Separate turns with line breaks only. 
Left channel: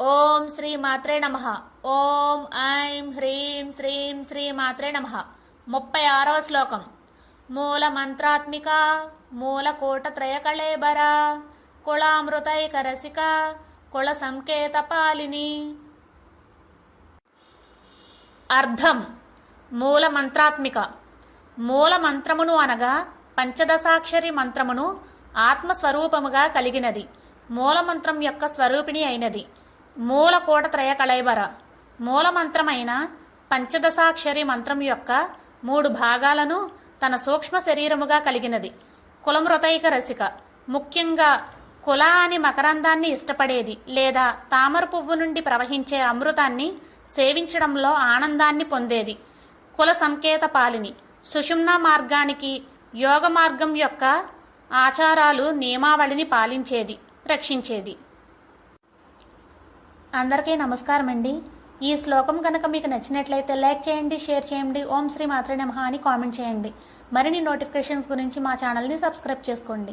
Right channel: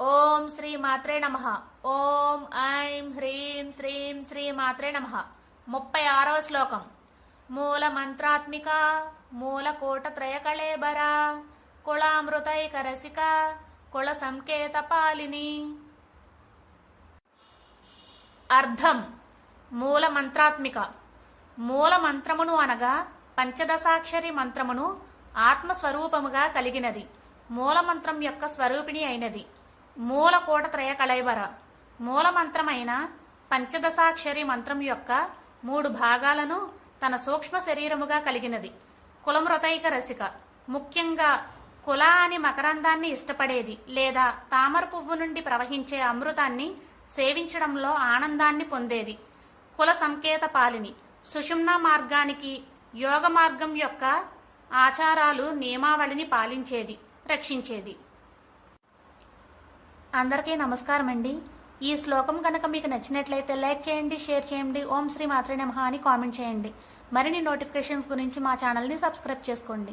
ఓం శ్రీ మాత్రే నమ. ఓం ఐం హ్రీం శ్రీం శ్రీ మాత్రే నమ. ముప్పై ఆరవ శ్లోకం. మూల మంత్రాత్మిక మూల కోట కుళామృతైక రసిక కుళ సంకేత పాలిని అర్థం మూల మంత్రాత్మిక. మూల మంత్రమును అనగా పంచదశాక్షరి మంత్రమును ఆత్మస్వరూపముగా కలిగినది. మూల మంత్రం యొక్క స్వరూపిణి అయినది. మూలకూట కోటత్రయ కళైబర మూలమంత్రమైన పంచదశాక్షరి మంత్రం యొక్క మూడు భాగాలను తన సూక్ష్మ శరీరముగా కలిగినది. కులమృతైక రసిక. ముఖ్యంగా కుల అని మకరందాన్ని ఇష్టపడేది లేదా తామర పువ్వు నుండి ప్రవహించే అమృతాన్ని సేవించడంలో ఆనందాన్ని పొందేది. కుల సంకేత పాలిని. సుషుమ్న మార్గానికి యోగ మార్గం యొక్క ఆచారాలు నియమావళిని పాలించేది రక్షించేది. అందరికీ నమస్కారం అండి ఈ శ్లోకం కనుక మీకు నచ్చినట్లయితే లైక్ చేయండి షేర్ చేయండి ఓం శ్రీ మాత్రే నమః అని కామెంట్ చేయండి. మరిన్ని నోటిఫికేషన్స్ గురించి మా ఛానల్ని సబ్స్క్రైబ్ చేసుకోండి.